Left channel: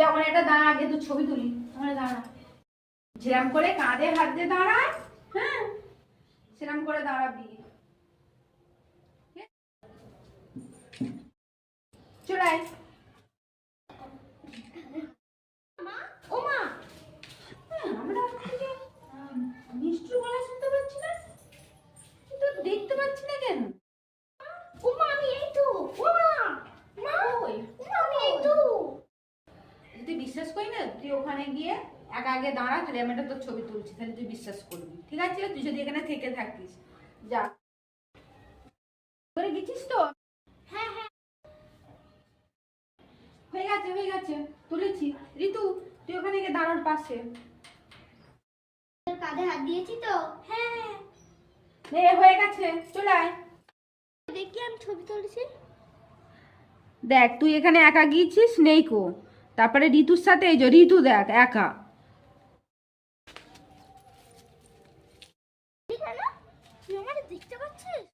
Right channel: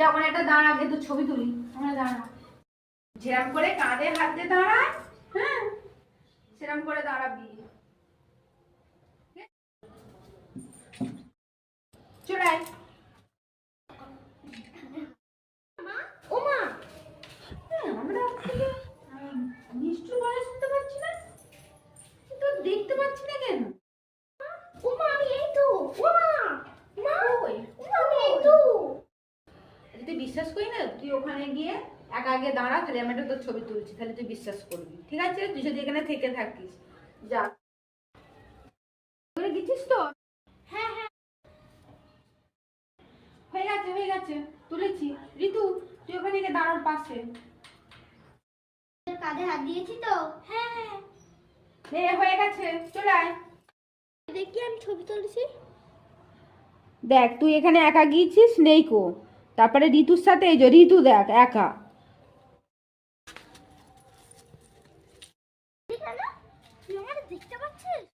যে ওখানে একটা দাঁড়া, আগে তো ছবি তুলি। ওখানে দাঁড়া, যেরকম করে কাঁধে হাতে দাঁড়ায়, হ্যাঁ সেরকম করে দাঁড়াবি। চলে আয়। ও মা, আমরা নিষ্ঠুর গলা শুনতে পাচ্ছি না, তো দেখতে পাচ্ছি না কেন? ও মা, আমি এই তো। ও মা, মা ওই, ও মা, আমি এই তো। তুই বিশ্বাস করি না, তুই ওখানে গিয়ে একা আগে দাঁড়া, তুই আমি একটা তোর ছবি তুলছি, তাহলে তুই বিশ্বাস করবি, ঠিক আছে? তুই যদি এখানে থেকে থাকিস, যা। করে গেছিস তো? হ্যাঁ হ্যাঁ, হয়ে গেছে হয়ে গেছে, তুলেছি। ঋতু, তুই ওখানে গিয়ে দাঁড়ার পাশে। কাঁধে হাত দিয়েছি তো। হ্যাঁ হয়ে গেছে, চলে আয়। দেখি আমি ছবি তুলেছি। দেখ, তুই এখানে একা গিয়েছিস, নেই কো। তারপরে ঋতুর সাথে এই যে ঋতু দেখ একা। ঠিক আছে, তুই আমার দেখতে পাচ্ছিস?